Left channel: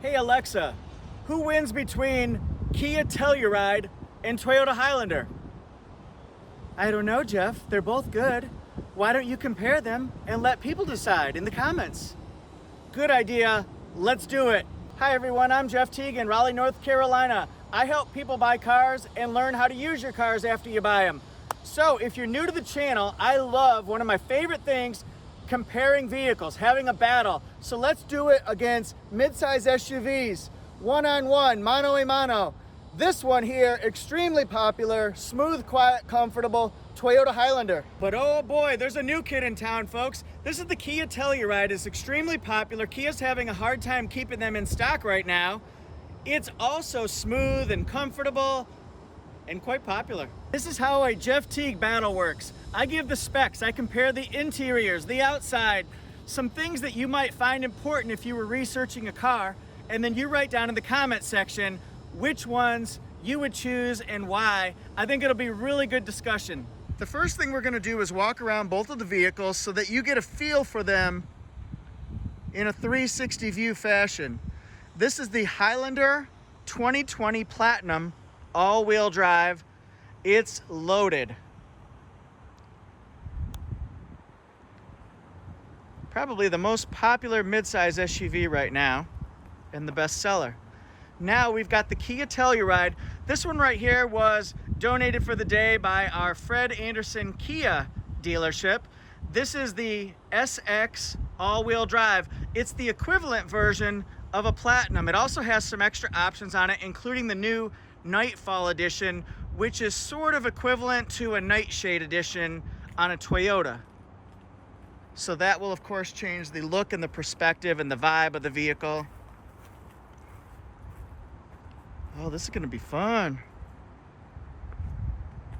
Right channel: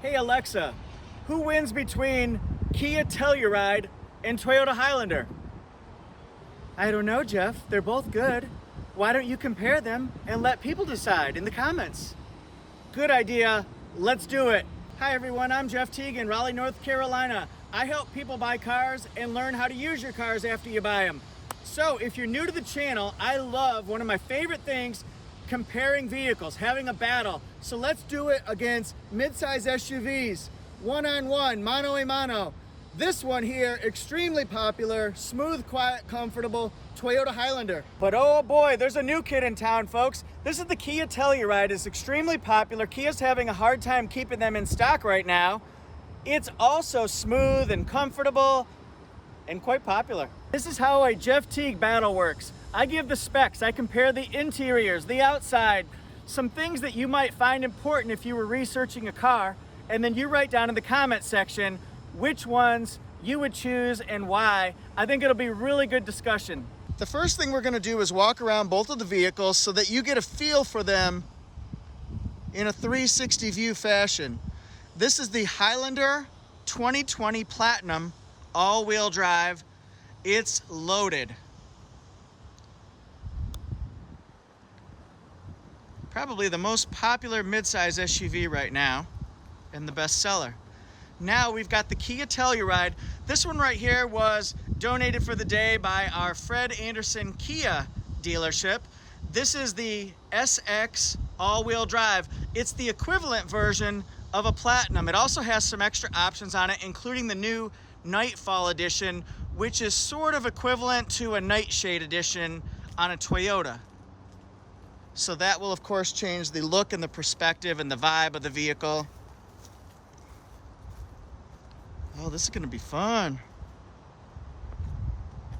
Hey Alexa, who wins between Kia Telluride and Toyota Highlander? I don't know, Jeff. They're both good. Why don't you compare them and let people decide in the comments? Good idea. Let's do it. Hi everyone, I'm Jeff Teague in Raleigh, North Carolina. I help people buy cars and learn how to use your cars after you buy them. So if you're new to the channel, I love one of my favorite things, comparing vehicles, having a battle. So let's do it against mid-size SUVs, one-on-one, mano-a-mano. This one here, extremely popular, smooth, quiet, comfortable, Toyota Highlander. But oh boy, there's a new kid in town, folks. This is the Kia Telluride. It's extremely popular. Kia's having a hard time keeping them in stock right now. It's also smooth and comfortable and quite popular. This is how a Jeff Teague battle works. I give the specs, I compare the interiors, the outside, some things that you might find important if you were researching a car, and then you write down in the comment section which ones you would choose and why. I think it'll be a really good discussion. The first thing we're gonna do is walk around both of the vehicles so that you get a feel for them in a 360 view fashion. This is the Highlander 2020 Platinum all-wheel drive. It's loaded. Probably the most popular midsize SUV right now and the best seller. Now we've got the Kia Telluride. This one right here was donated for the day by our Fred Anderson Kia dealership. This is the SX all-wheel drive. It's the equivalent version of a Platinum. It also has some extra options on it, including the new Nightfall edition, which is sort of equivalent to a Nightshade edition on a Toyota. So that will of course change the look and the perspective and the vibe of the vehicle. Oh, this is gonna be fun.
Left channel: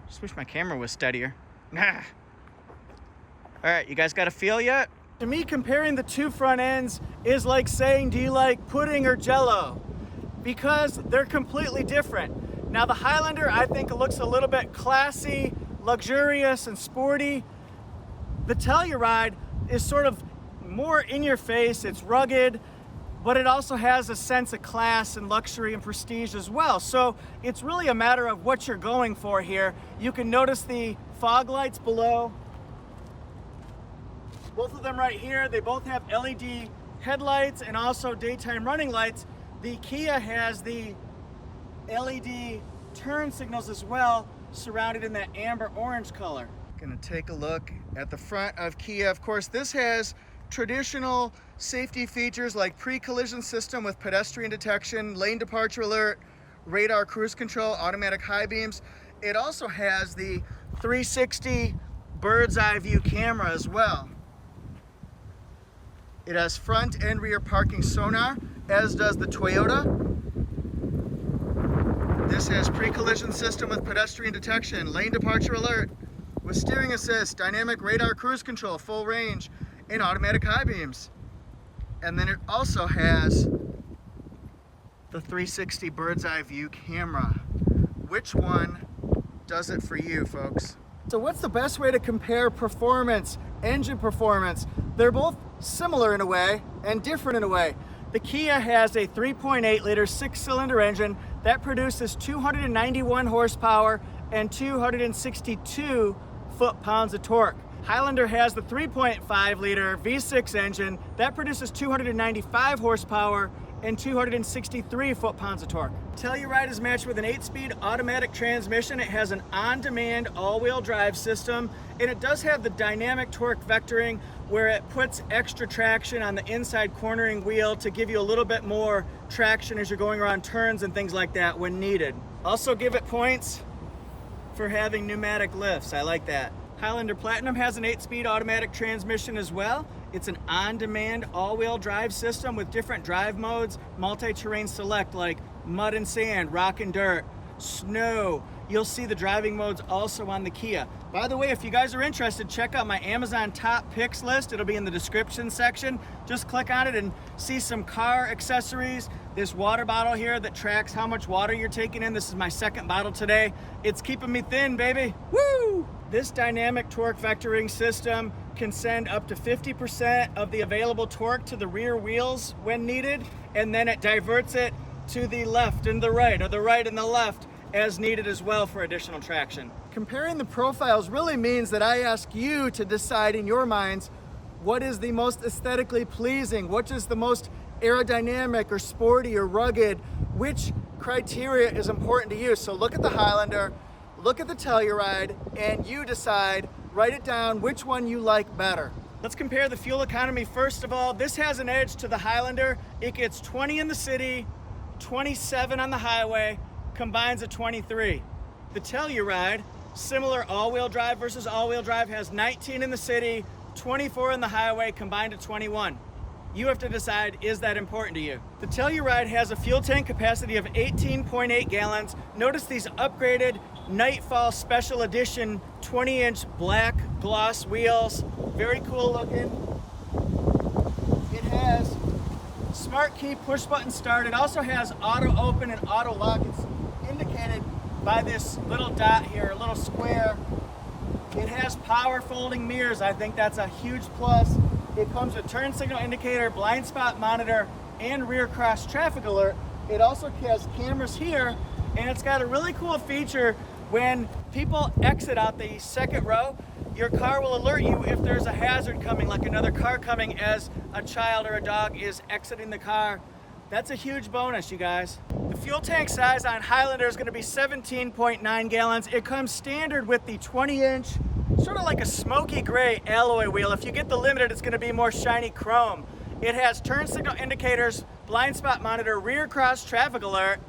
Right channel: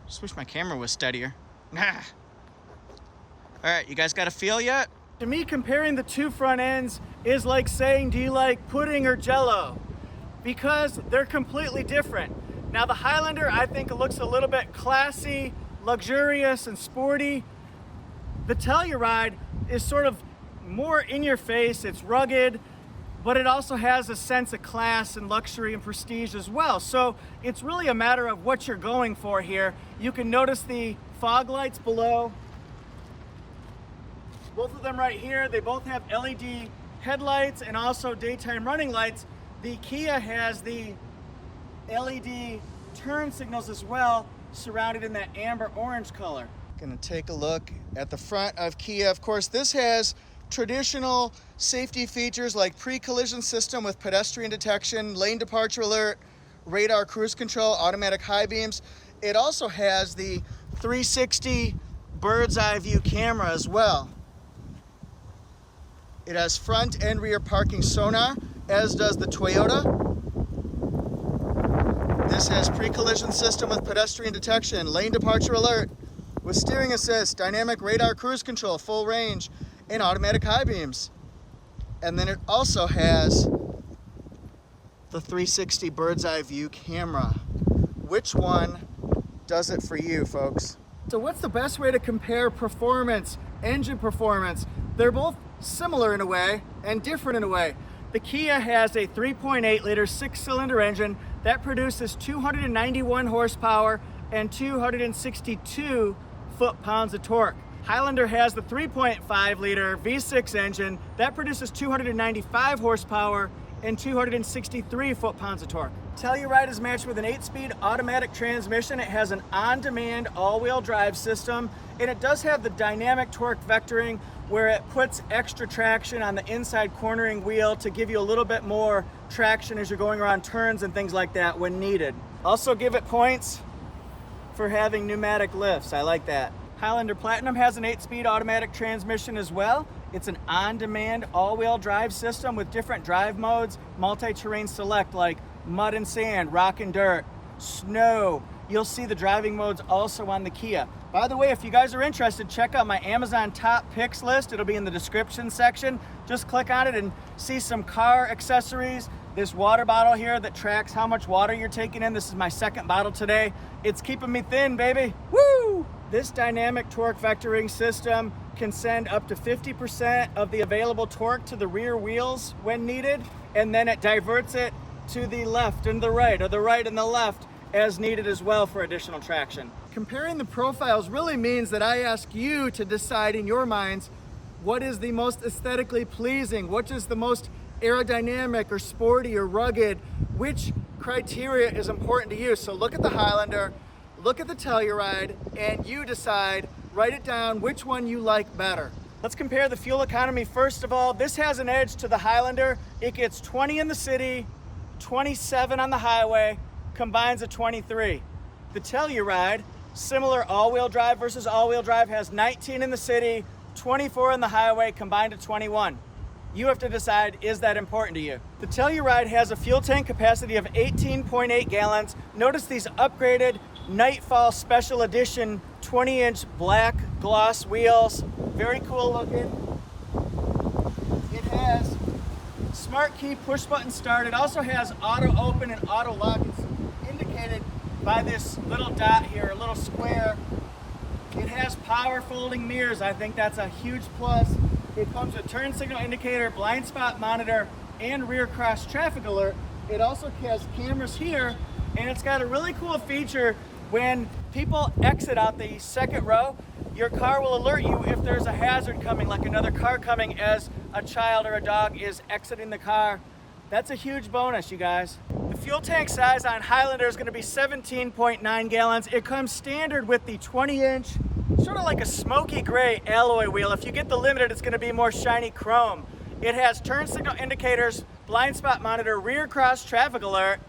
Just wish my camera was steadier. All right, you guys got a feel yet? To me, comparing the two front ends is like saying, do you like pudding or Jell-O? Because they're completely different. Now the Highlander, I think, looks a little bit classy, luxurious, and sporty. The Telluride is sort of more in your face. It's rugged, but it also has a sense of class and luxury and prestige as well. So it's really a matter of what you're going for here. You can notice the fog lights below. Both of them right here, they both have LED headlights and also daytime running lights. The Kia has the LED turn signals as well, surrounded in that amber orange color. Gonna take a look at the front of Kia. Of course, this has traditional safety features like pre-collision system with pedestrian detection, lane departure alert, radar cruise control, automatic high beams. It also has the 360 bird's eye view camera as well. It has front and rear parking sonar, as does the Toyota. This has pre-collision system with pedestrian detection, lane departure alert, with steering assist, dynamic radar cruise control, full range, and automatic high beams. And then it also has the 360 bird's eye view camera. Which one does it for you, folks? So what's the best way to compare performance, engine performance? They're both similar in a way and different in a way. The Kia has a 3.8 liter 6-cylinder engine that produces 291 horsepower and 262 foot-pounds of torque. Highlander has the 3.5 liter V6 engine that produces 295 horsepower and 263 foot-pounds of torque. Telluride is matched with an 8-speed automatic transmission. It has an on-demand all-wheel drive system, and it does have the dynamic torque vectoring where it puts extra traction on the inside cornering wheel to give you a little bit more traction as you're going around turns and things like that when needed. Also give it points for having pneumatic lifts. I like that. Highlander Platinum has an 8-speed automatic transmission as well. It's an on-demand all-wheel drive system with different drive modes, multi-terrain select like mud and sand, rock and dirt, snow. You'll see the driving modes also on the Kia. By the way, if you guys are interested, check out my Amazon top picks list. It'll be in the description section. Just click on it and see some car accessories. This water bottle here that tracks how much water you're taking in. This is my second bottle today. It's keeping me thin, baby. Woo! This dynamic torque vectoring system can send up to 50% of the available torque to the rear wheels when needed, and then it diverts it to the left and the right, or the right and the left as needed as well for additional traction. Comparing the profiles really means that I ask you to decide in your minds what is the most aesthetically pleasing, what is the most aerodynamic or sporty or rugged, which criteria is important to you. So look at the Highlander, look at the Telluride, and you decide, write it down, which one you like better. Let's compare the fuel economy first of all. This has an edge to the Highlander. It gets 20 in the city, 27 on the highway, combines a 23. The Telluride, similar all-wheel drive versus all-wheel drive, has 19 in the city, 24 on the highway, combined to 21. You have to decide, is that important to you? The Telluride has a fuel tank capacity of 18.8 gallons. Notice these upgraded Nightfall Special Edition 20-inch black gloss wheels. Very cool looking. It has smart key push button start. It also has auto open and auto lock. It's indicated by this little dot here, a little square. It has power folding mirrors. I think that's a huge plus. It comes with turn signal indicator, blind spot monitor, and rear cross traffic alert. It also has cameras here, and it's got a really cool feature. When people exit out the second row, your car will alert you if there's a hazard coming, like another car coming as a child or a dog is exiting the car. That's a huge bonus, you guys. The fuel tank size on Highlander is going to be 17.9 gallons. It comes standard with the 20-inch, sort of like a smoky gray alloy wheel. If you get the limited, it's going to be more shiny chrome. It has turn signal indicators, blind spot monitor, rear cross traffic alert,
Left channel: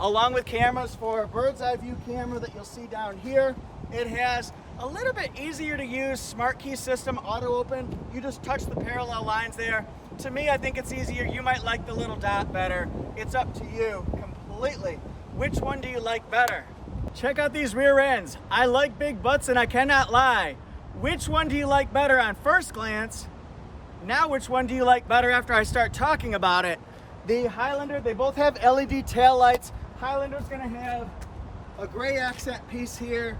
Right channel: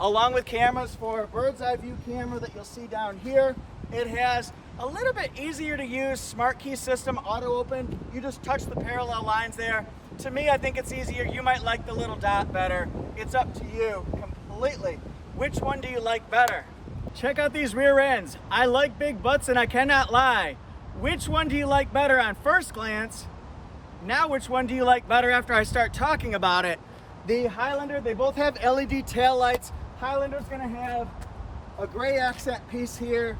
along with cameras for a bird's eye view camera that you'll see down here. It has a little bit easier to use smart key system, auto open. You just touch the parallel lines there. To me, I think it's easier. You might like the little dot better. It's up to you completely. Which one do you like better? Check out these rear ends. I like big butts and I cannot lie. Which one do you like better on first glance? Now which one do you like better after I start talking about it? The Highlander, they both have LED tail lights. Highlander's gonna have a gray accent piece here.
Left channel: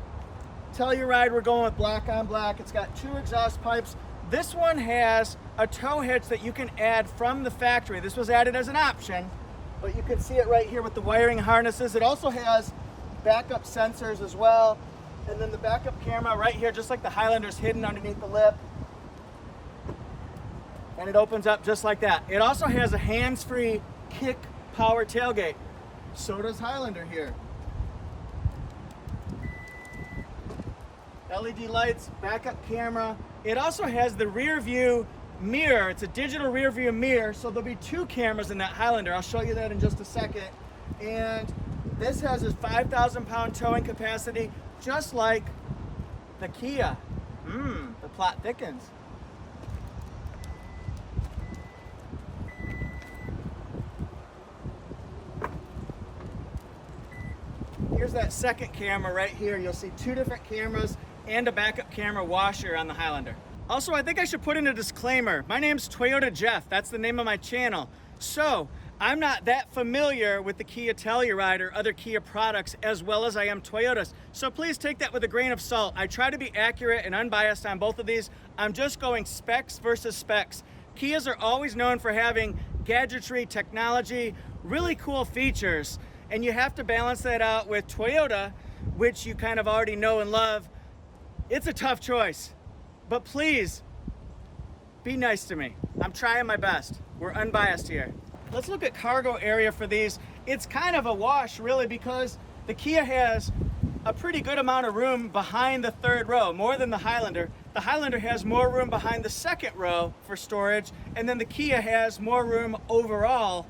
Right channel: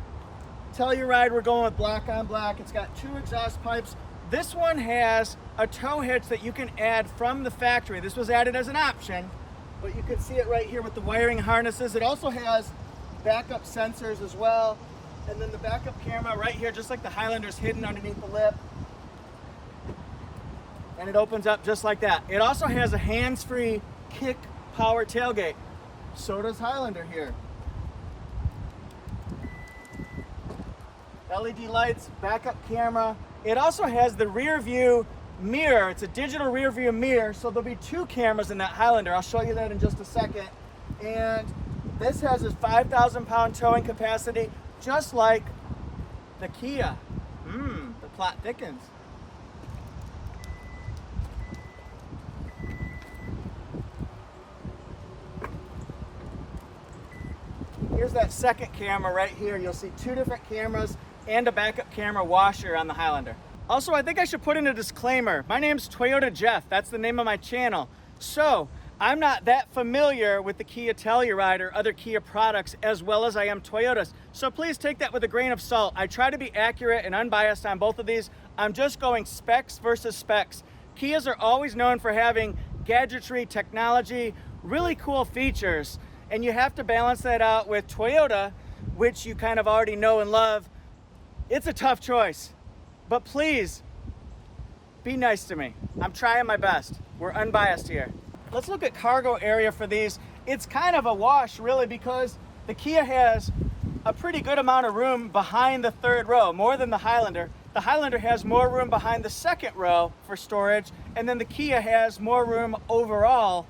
Telluride, we're going with black on black. It's got two exhaust pipes. This one has a tow hitch that you can add from the factory. This was added as an option, but you can see it right here with the wiring harnesses. It also has backup sensors as well. And then the backup camera right here, just like the Highlander's hidden underneath the lip. And it opens up just like that. It also has a hands-free kick power tailgate. So does Highlander here. LED lights, backup camera. It also has the rear view mirror. It's a digital rear view mirror, so there'll be two cameras in that Highlander. I'll show you that in just a second. And this has a 5,000-pound towing capacity, just like the Kia. The plot thickens. Here's that second camera right here. You'll see two different cameras and a backup camera washer on the Highlander. Also, I think I should put in a disclaimer. My name's Toyota Jeff. That's the name of my channel. So I'm not that familiar with the Kia Telluride or other Kia products as well as I am Toyota's. So please take that with a grain of salt. I try to be accurate and unbiased on both of these. I'm just going specs versus specs. Kias are always known for having gadgetry, technology, really cool features. And you have to balance that out with Toyota, which you kind of already know and love. It's a tough choice, but please be nice to me. I'm trying my best. We're unbiased here. Let's look at cargo area for these. It's kind of a wash really because the Kia has a pretty good amount of room behind the third row, more than the Highlander. The Highlander has more room behind the second row for storage, and then the Kia has more room overall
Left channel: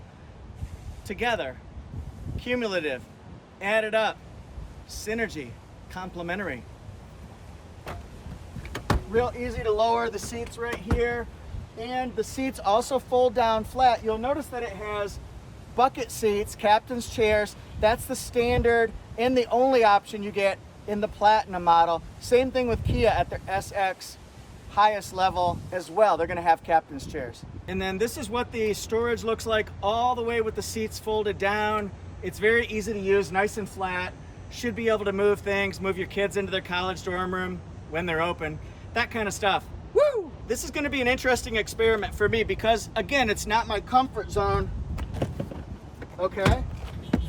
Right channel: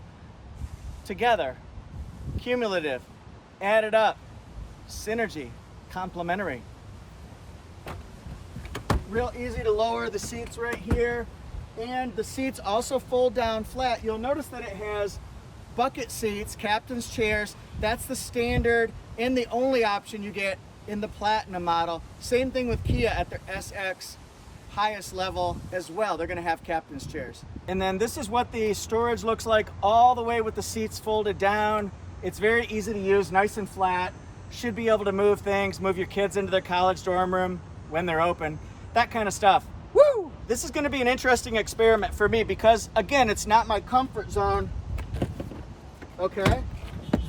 together. Cumulative, added up, synergy, complementary. Real easy to lower the seats right here, and the seats also fold down flat. You'll notice that it has bucket seats, captain's chairs. That's the standard and the only option you get in the Platinum model. Same thing with Kia at their SX highest level as well. They're going to have captain's chairs. And then this is what the storage looks like all the way with the seats folded down. It's very easy to use, nice and flat. Should be able to move things, move your kids into their college dorm room when they're open, that kind of stuff. Woo! This is going to be an interesting experiment for me because, again, it's not my comfort zone. Okay,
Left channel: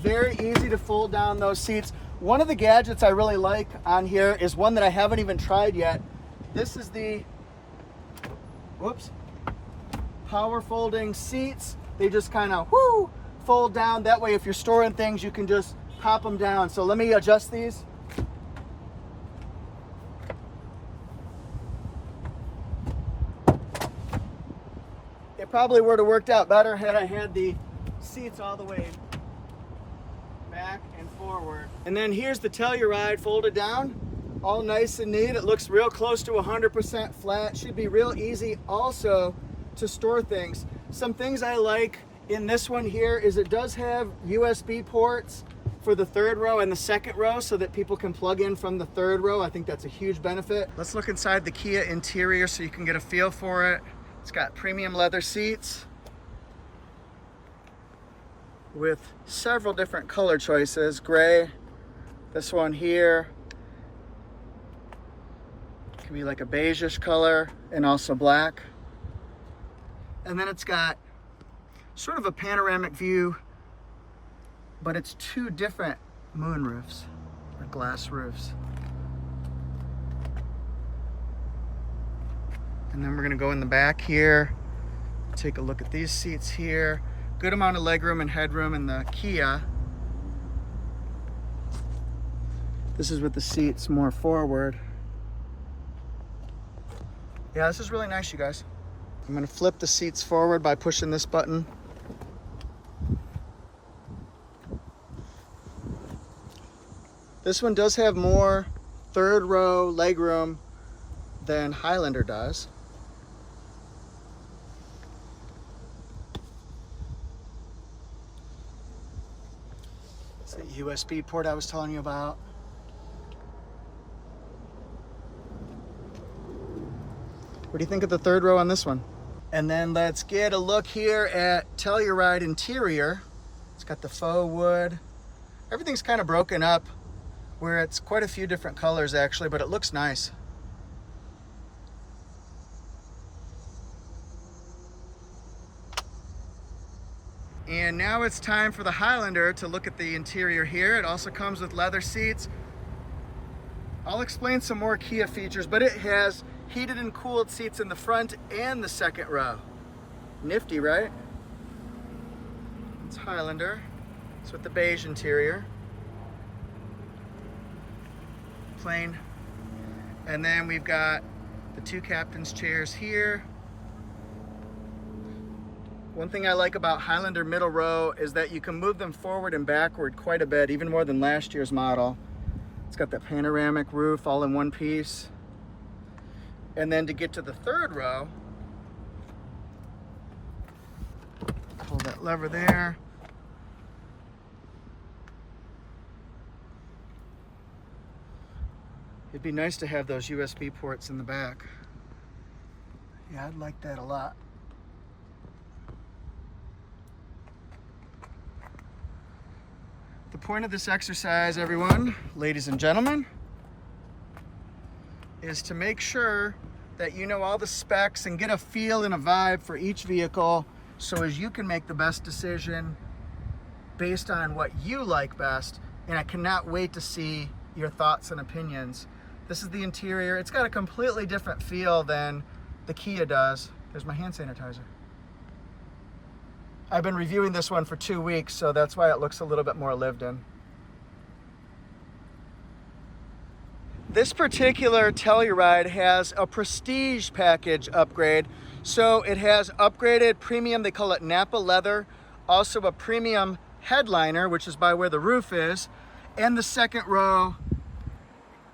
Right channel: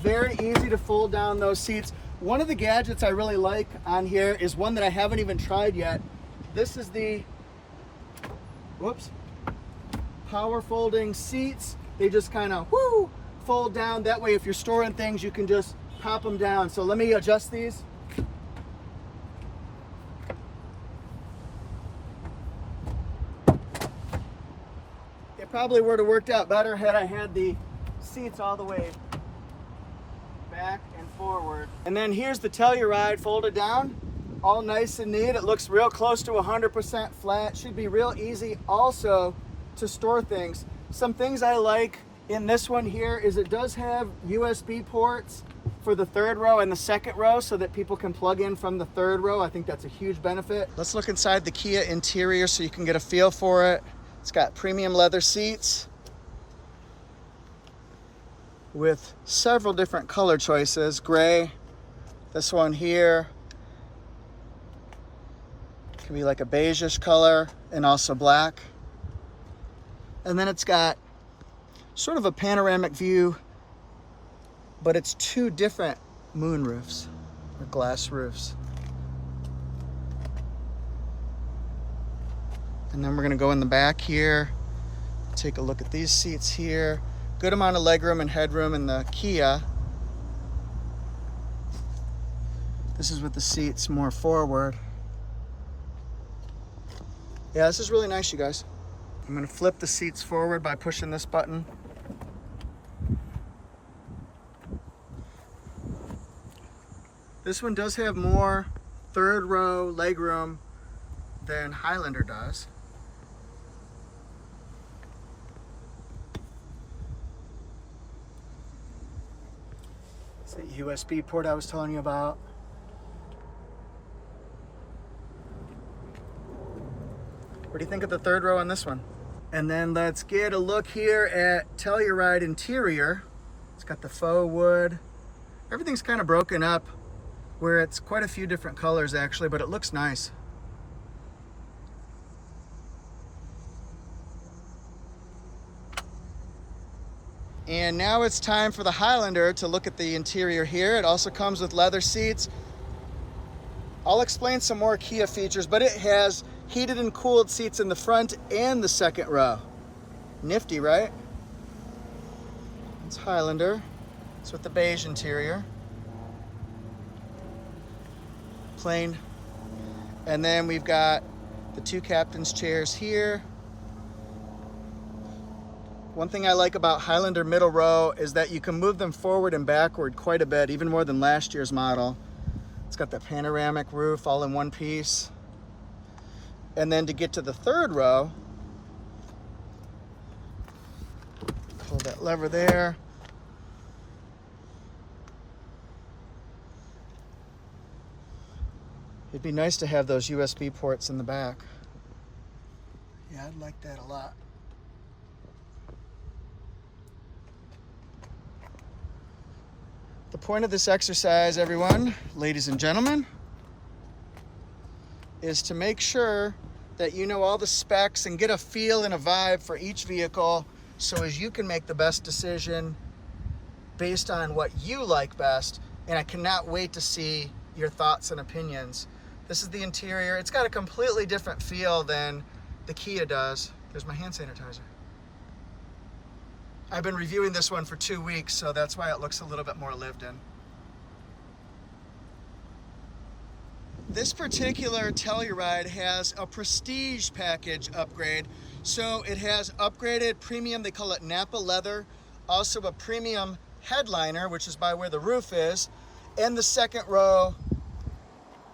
very easy to fold down those seats. One of the gadgets I really like on here is one that I haven't even tried yet. This is the, whoops, power folding seats. They just kind of fold down. That way if you're storing things, you can just pop them down. So let me adjust these. It probably would have worked out better had I had the seats all the way back and forward. And then here's the Telluride folded down, all nice and neat. It looks real close to 100% flat. Should be real easy also to store things. Some things I like in this one here is it does have USB ports for the third row and the second row so that people can plug in from the third row. I think that's a huge benefit. Let's look inside the Kia interior so you can get a feel for it. It's got premium leather seats with several different color choices. Gray, this one here, can be like a beigeish color, and also black. And then it's got sort of a panoramic view, but it's two different moon roofs or glass roofs. And then we're gonna go in the back here, take a look at these seats here. Good amount of legroom and headroom in the Kia. This is with the seats more forward. Yeah, this is really nice, you guys. I'm gonna flip the seats forward by pushing this button. This one does have more third row legroom than Highlander does. It's the USB port I was telling you about. What do you think of the third row on this one? And then let's get a look here at Telluride interior. It's got the faux wood. Everything's kind of broken up where it's quite a few different colors actually, but it looks nice. And now it's time for the Highlander to look at the interior here. It also comes with leather seats. I'll explain some more Kia features, but it has heated and cooled seats in the front and the second row. Nifty, right? It's Highlander. It's with the beige interior. Plain. And then we've got the two captain's chairs here. One thing I like about Highlander middle row is that you can move them forward and backward quite a bit, even more than last year's model. It's got the panoramic roof all in one piece. And then to get to the third row, pull that lever there. It'd be nice to have those USB ports in the back. Yeah, I'd like that a lot. The point of this exercise, everyone, ladies and gentlemen, is to make sure that you know all the specs and get a feel and a vibe for each vehicle so as you can make the best decision based on what you like best. And I cannot wait to see your thoughts and opinions. This is the interior. It's got a completely different feel than the Kia does. There's my hand sanitizer. I've been reviewing this one for 2 weeks, so that's why it looks a little bit more lived in. This particular Telluride has a prestige package upgrade. So it has upgraded premium, they call it Napa leather, also a premium headliner, which is by where the roof is, and the second row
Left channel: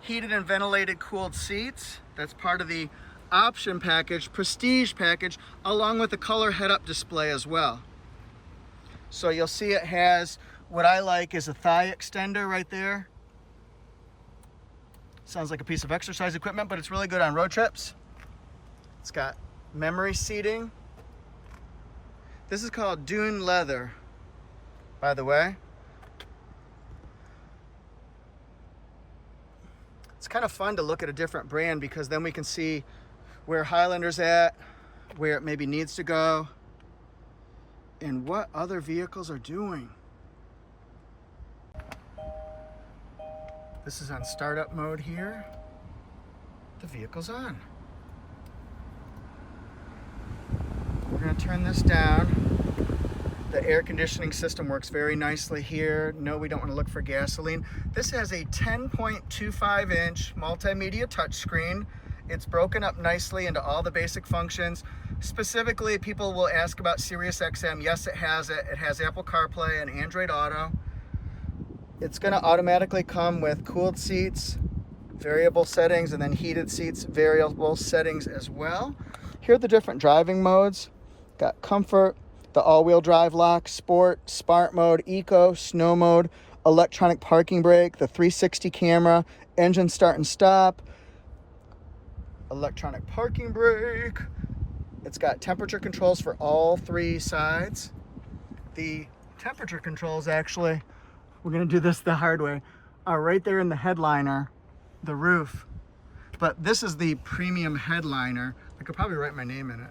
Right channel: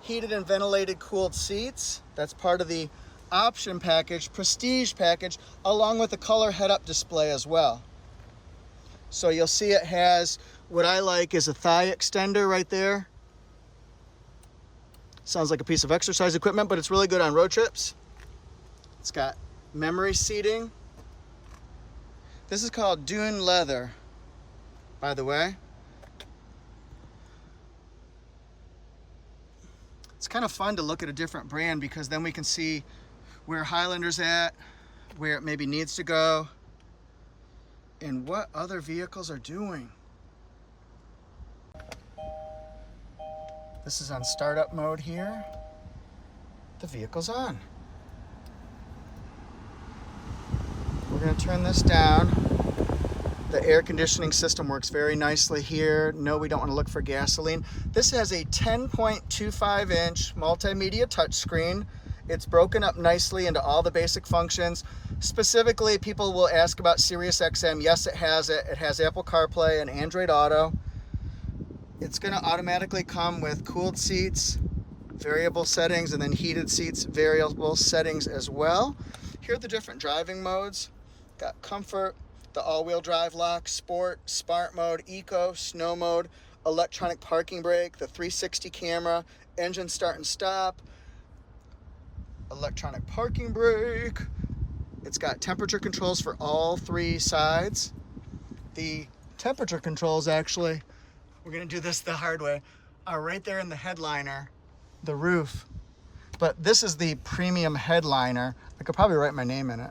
heated and ventilated cooled seats. That's part of the option package, prestige package, along with the color head-up display as well. So you'll see it has what I like is a thigh extender right there. Sounds like a piece of exercise equipment, but it's really good on road trips. It's got memory seating. This is called Dune leather, by the way. It's kind of fun to look at a different brand because then we can see where Highlander's at, where it maybe needs to go, and what other vehicles are doing. This is on startup mode here. The vehicle's on. We're going to turn this down. The air conditioning system works very nicely here. No, we don't want to look for gasoline. This has a 10.25-inch multimedia touchscreen. It's broken up nicely into all the basic functions. Specifically, people will ask about Sirius XM. Yes, it has it. It has Apple CarPlay and Android Auto. It's going to automatically come with cooled seats, variable settings, and then heated seats, variable settings as well. Here are the different driving modes. Got comfort, the all-wheel drive lock, sport, smart mode, eco, snow mode, electronic parking brake, the 360 camera, engine start and stop, electronic parking brake. It's got temperature controls for all three sides. The temperature controls, actually, we're going to do this the hard way, are right there in the headliner, the roof. But this is the premium headliner. I could probably write my name in it.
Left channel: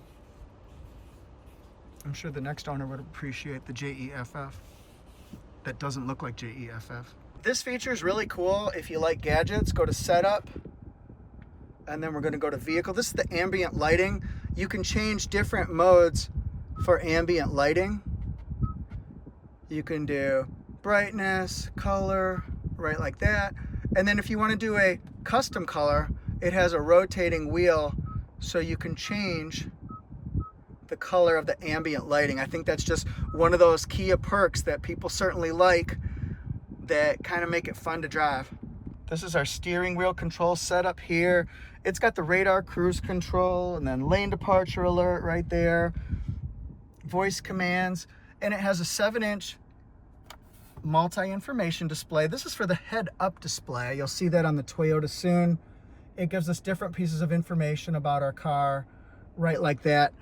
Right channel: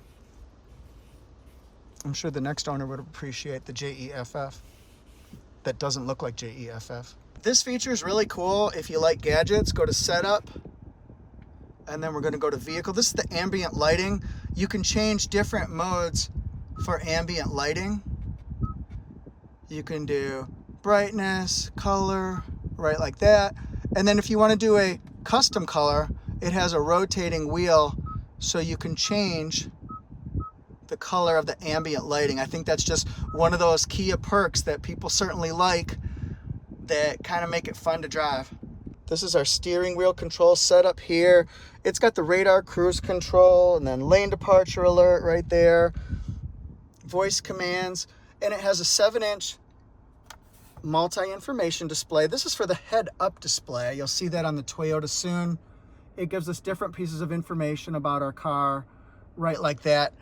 I'm sure the next owner would appreciate the JEFF. That doesn't look like JEFF. This feature is really cool. If you like gadgets, go to setup, and then we're going to go to vehicle. This is the ambient lighting. You can change different modes for ambient lighting. You can do brightness, color, right like that. And then if you want to do a custom color, it has a rotating wheel so you can change the color of the ambient lighting. I think that's just one of those Kia perks that people certainly like that kind of make it fun to drive. This is our steering wheel control setup here. It's got the radar cruise control and then lane departure alert right there, voice commands, and it has a 7-inch multi-information display. This is for the head-up display. You'll see that on the Toyota soon. It gives us different pieces of information about our car, right like that.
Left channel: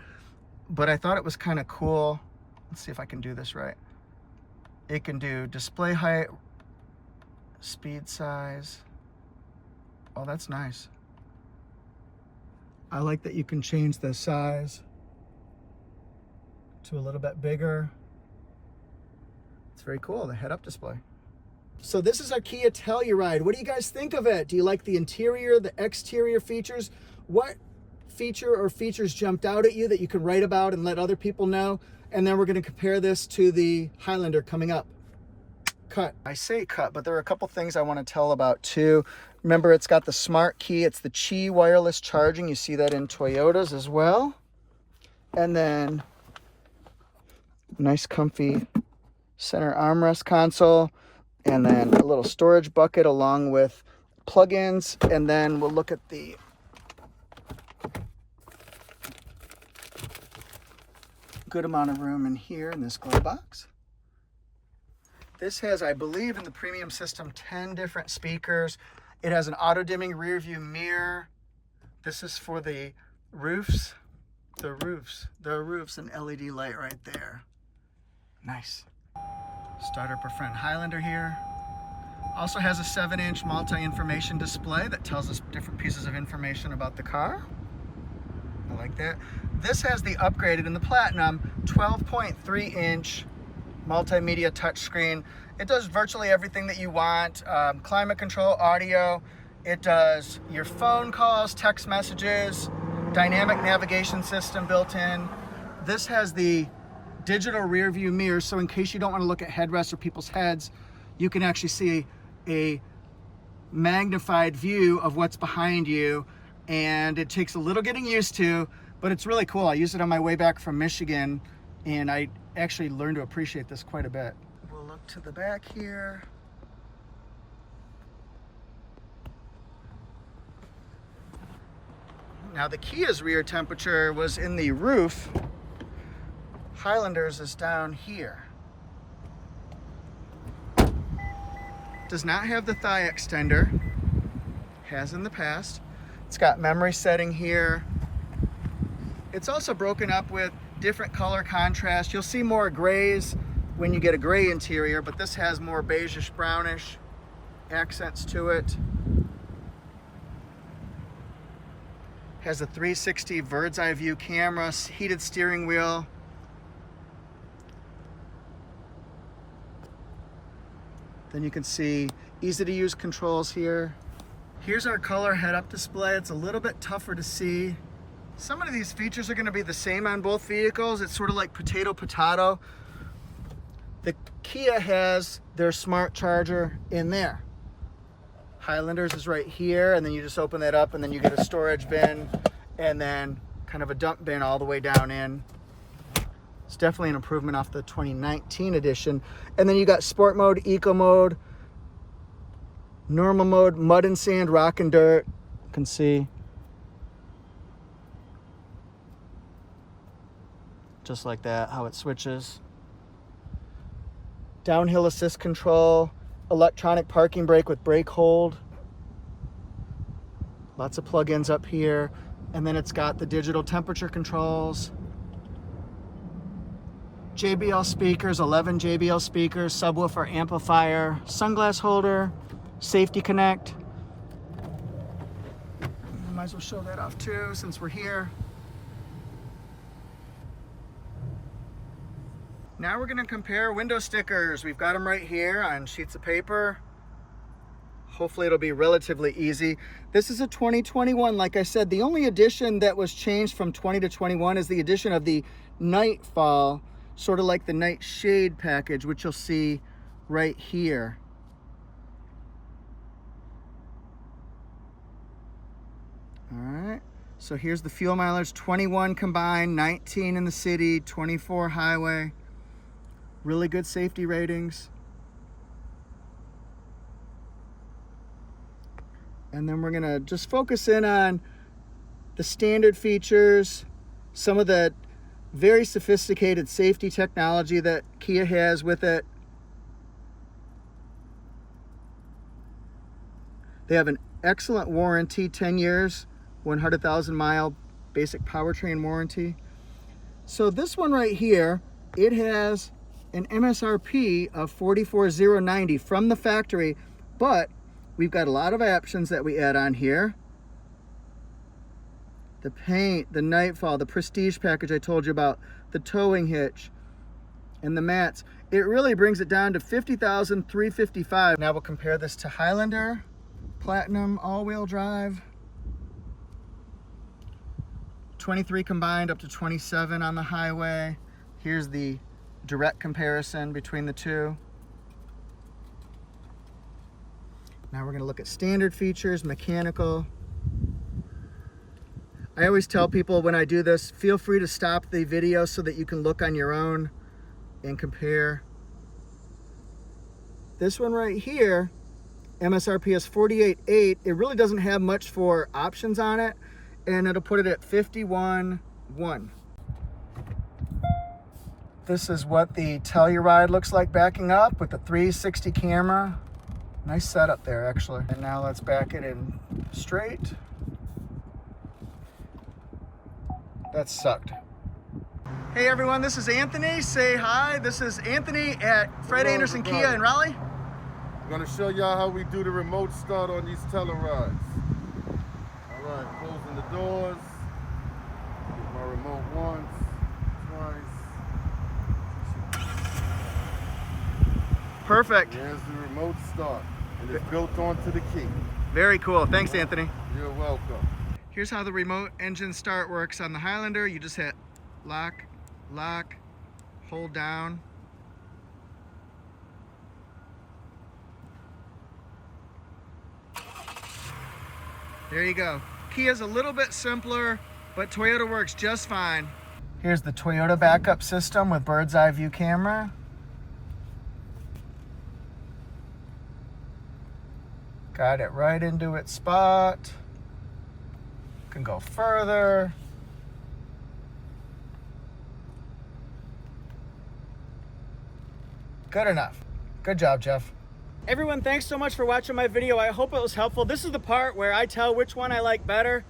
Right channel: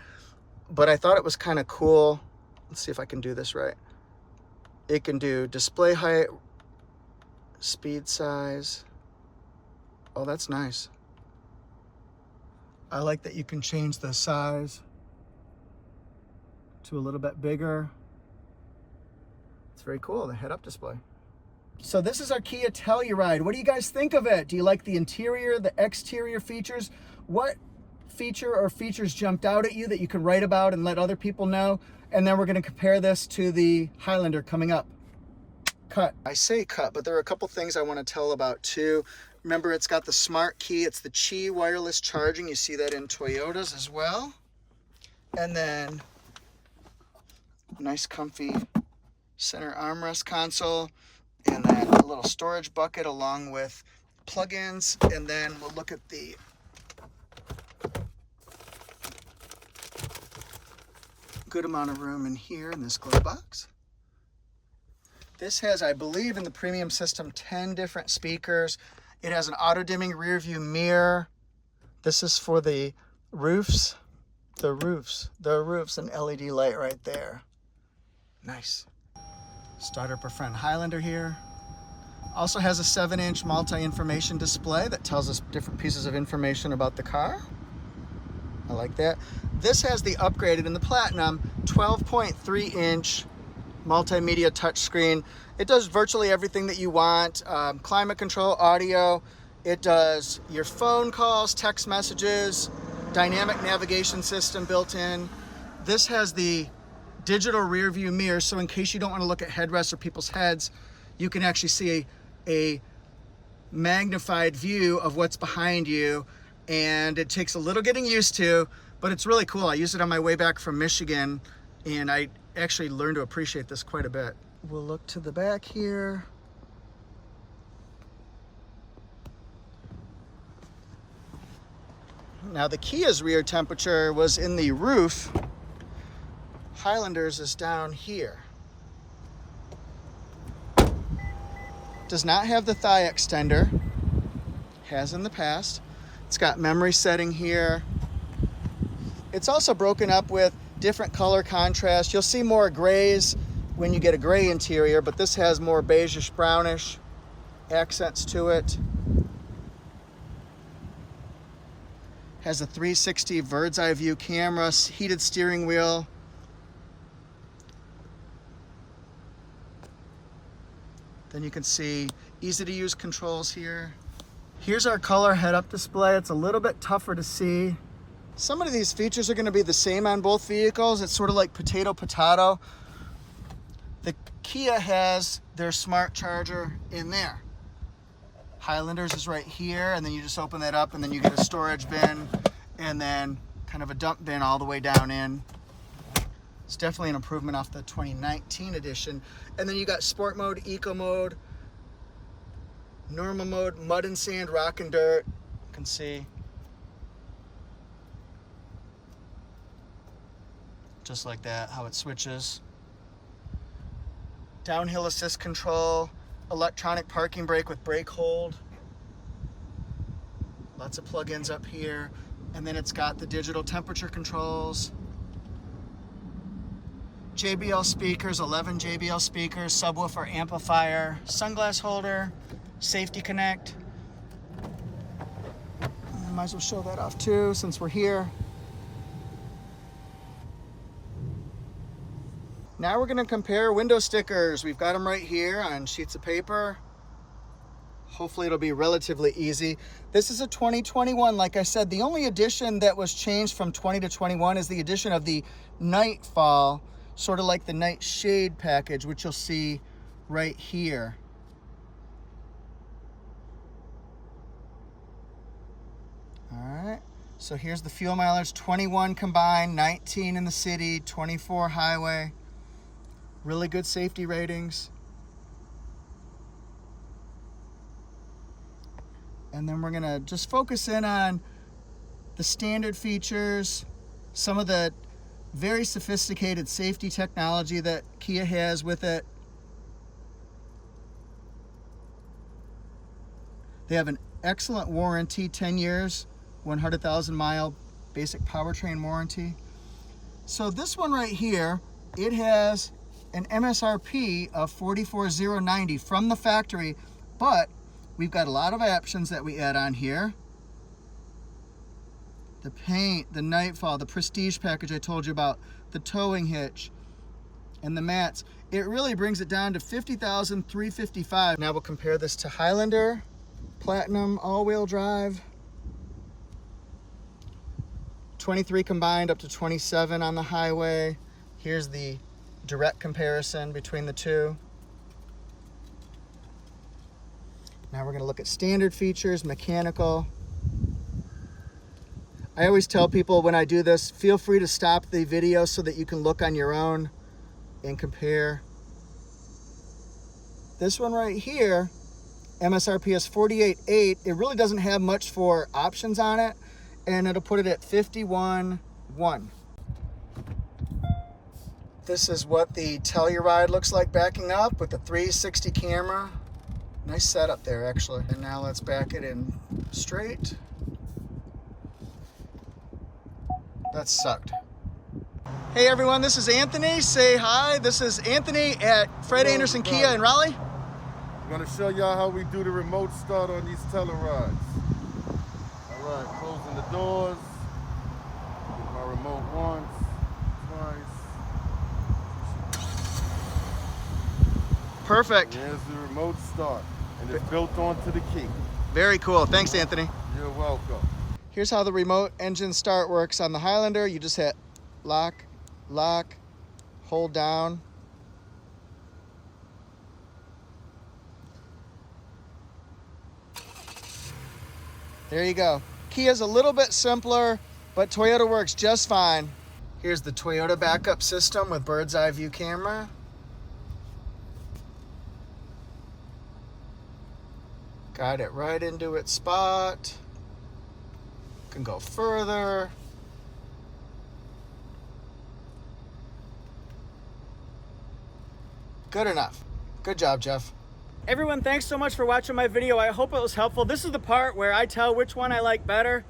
But I thought it was kind of cool. Let's see if I can do this right. It can do display height, speed size. Oh, that's nice. I like that you can change the size to a little bit bigger. It's very cool, the head-up display. So this is our Kia Telluride. What do you guys think of it? Do you like the interior, the exterior features? What feature or features jumped out at you that you can write about and let other people know? And then we're going to compare this to the Highlander coming up. Cut. I say cut, but there are a couple things I want to tell about too. Remember, it's got the smart key. It's the Qi wireless charging. You see that in Toyotas as well. And then nice comfy center armrest console. And then a little storage bucket along with plugins. And then we'll look at the good amount of room in here in this glove box. This has, I believe, in the premium system, 10 different speakers. It has an auto-dimming rear view mirror. This is for the roofs. The roofs, an LED light right there. Nice. Start up our friend Highlander here. Also has a 7-inch multi-information display that tells us different pieces of information about the car. I like that. This has the upgraded in the Platinum 12.3-inch multimedia touchscreen. It does virtually everything that you want. Climate control, audio. It does your phone calls, text messages, dynamic navigation system built in. This has the digital rear view mirror, so in case you don't want to look at headrests or people's heads, you can actually see a magnified view of what's behind you. And it takes a little getting used to, but it's really cool. I used it on my way back from Michigan, and I actually learned to appreciate this quite a bit. We'll look to the back here. Now the Kia's rear temperature was in the roof. Highlander's is down here. Does not have the thigh extender. Has in the past. It's got memory setting here. It's also broken up with different color contrast. You'll see more grays when you get a gray interior, but this has more beigeish brownish accents to it. Has a 360 bird's eye view camera, heated steering wheel. Then you can see easy to use controls here. Here's our color head-up display. It's a little bit tougher to see. Some of these features are going to be the same on both vehicles. It's sort of like potato. The Kia has their smart charger in there. Highlander's is right here, and then you just open that up and then you get a storage bin and then kind of a dump bin all the way down in. It's definitely an improvement off the 2019 edition. And then you got sport mode, eco mode, normal mode, mud and sand, rock and dirt. You can see. Just like that, how it switches. Downhill assist control, electronic parking brake with brake hold. Lots of plugins up here. And then it's got the digital temperature controls. JBL speakers, 11 JBL speakers, subwoofer, amplifier, sunglass holder, safety connect. I might as well show that off too since we're here. Now we're going to compare window stickers. We've got them right here on sheets of paper. Hopefully it'll be relatively easy. This is a 2021. Like I said, the only addition that was changed from 20 to 21 is the addition of the Nightfall, sort of like the Night Shade package, which you'll see right here. All right, so here's the fuel mileage, 21 combined, 19 in the city, 24 highway. Really good safety ratings. And then we're gonna just focus in on the standard features, some of the very sophisticated safety technology that Kia has with it. They have an excellent warranty, 10 years, 100,000 mile basic powertrain warranty. So this one right here, it has an MSRP of $44,090 from the factory, but we've got a lot of options that we add on here. The paint, the Nightfall, the Prestige package I told you about, the towing hitch, and the mats. It really brings it down to $50,355. Now we'll compare this to Highlander, Platinum, all-wheel drive. 23 combined up to 27 on the highway. Here's the direct comparison between the two. Now we're going to look at standard features, mechanical. I always tell people when I do this, feel free to stop the video so that you can look on your own and compare. This one right here, MSRP is $48,800. It really doesn't have much for options on it, and it'll put it at $51,100. This is what the Telluride looks like backing up with the 360 camera. Nice setup there, actually. And now let's back it in straight. That sucked. Hey everyone, this is Anthony. Say hi. This is Anthony at Fred Anderson Kia in Raleigh. I'm gonna show y'all how we do the remote start on these Tellurides. All right, closing the doors. Get my remote once, twice. Perfect. There's the remote start, and it's built onto the key. Very cool. Thanks, Anthony. You're welcome. Here's how the remote engine start works on the Highlander. You just hit lock, lock, hold down. There you go. Kia's a little bit simpler, but Toyota works just fine. Here's the Toyota backup system with bird's eye view camera. Got it right into its spot. Can go further. Good enough. Good job, Jeff. Everyone, thanks so much for watching my video. I hope it was helpful. This is the part where I tell which one I like better.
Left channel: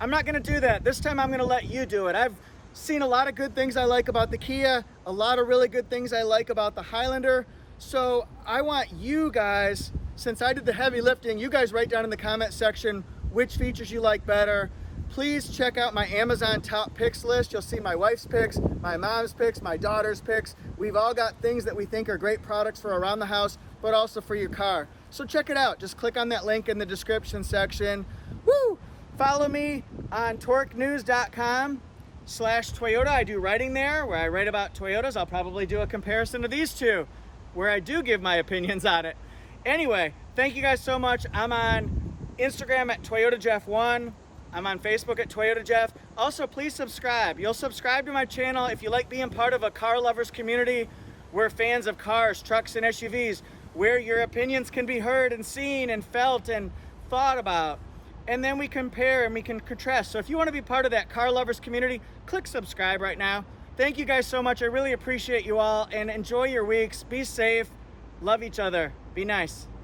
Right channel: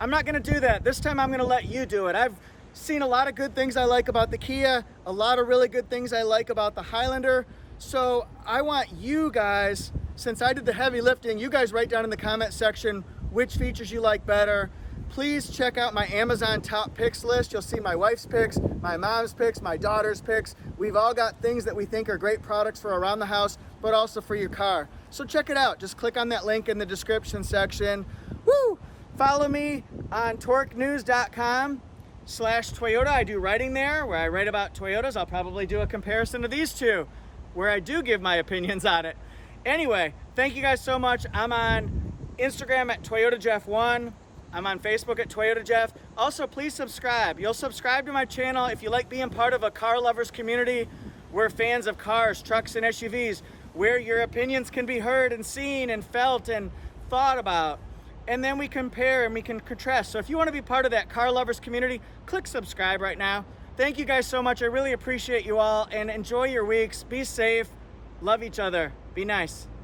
I'm not gonna do that. This time I'm gonna let you do it. I've seen a lot of good things I like about the Kia, a lot of really good things I like about the Highlander. So I want you guys, since I did the heavy lifting, you guys write down in the comment section which features you like better. please check out my Amazon top picks list. You'll see my wife's picks, my mom's picks, my daughter's picks. We've all got things that we think are great products for around the house, but also for your car. So check it out. Just click on that link in the description section. Woo! Follow me on torquenews.com/Toyota. I do writing there where I write about Toyotas. I'll probably do a comparison of these two where I do give my opinions on it. Anyway, thank you guys so much. I'm on Instagram at ToyotaJeff1. I'm on Facebook at Toyota Jeff. Also, please subscribe. You'll subscribe to my channel if you like being part of a car lovers community. We're fans of cars, trucks, and SUVs, where your opinions can be heard and seen and felt and thought about. And then we compare and we can contrast. So if you want to be part of that car lovers community, click subscribe right now. Thank you guys so much. I really appreciate you all, and enjoy your weeks. Be safe. Love each other. Be nice.